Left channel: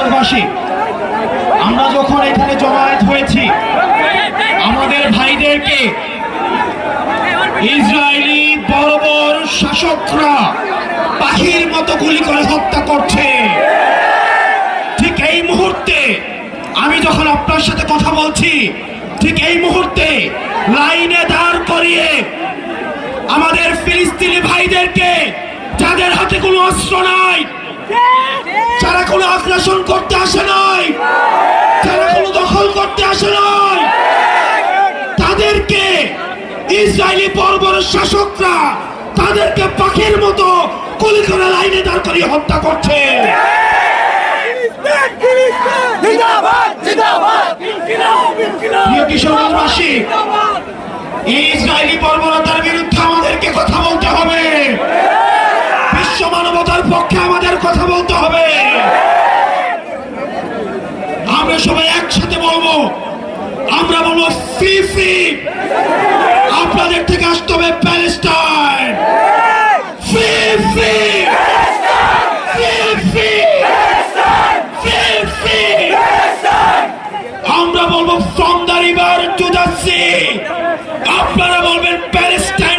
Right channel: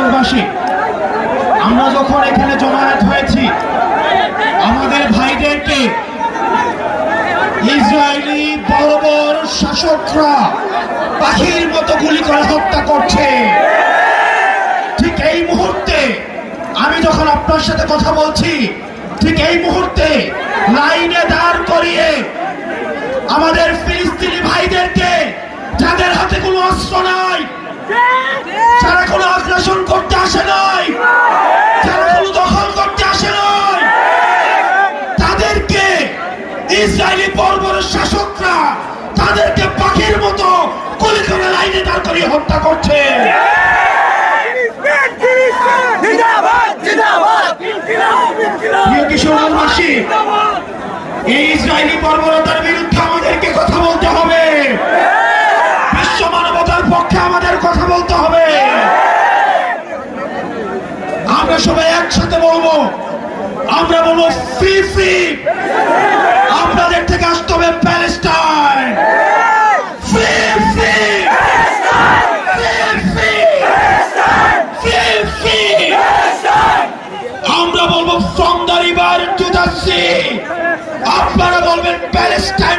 কিশোরগঞ্জবাসী, আমরা যখন এখানে জমায়েত হয়েছি, আমাদের ভাইদেরকে ইসরায়েলি বর্বর শাসকরা পাখির মতো গুলি করে হত্যা করছে। ঠিক এই মুহূর্তে আমি যখন আপনার সাথে কথা বলছি, ঠিক এই মুহূর্তে লাইনে দাঁড় করিয়ে আমাদের ফিলিস্তিনি ভাইদেরকে, যাদের হাতে কোনো অস্ত্র নাই, যারা কোনো আগ্রাসন করতে আসে নাই, যারা কোনো দখল করতে আসে নাই, তাদেরকে ইসরায়েলি বর্বর শাসকরা তাদেরকে পাখির মতো গুলি করে লাইনে দাঁড় করিয়ে হত্যা করছে। প্রিয় কিশোরগঞ্জবাসী, এই ইসরায়েলি বর্বরতার বিরুদ্ধে আমাদেরকে কথা বলতে হবে। বিশ্ব মানবতার পক্ষে আমাদের কথা বলতে হবে। আমরা সবাই একসাথে বলবো, আমরা বলবো ফ্রি ফ্রি। আপনাদের থেকে আসতে হবে Palestine, free free, free free, free free. আমরা বলবো from the river to the sea. আপনারা বলবেন প্যালেস্টাইন।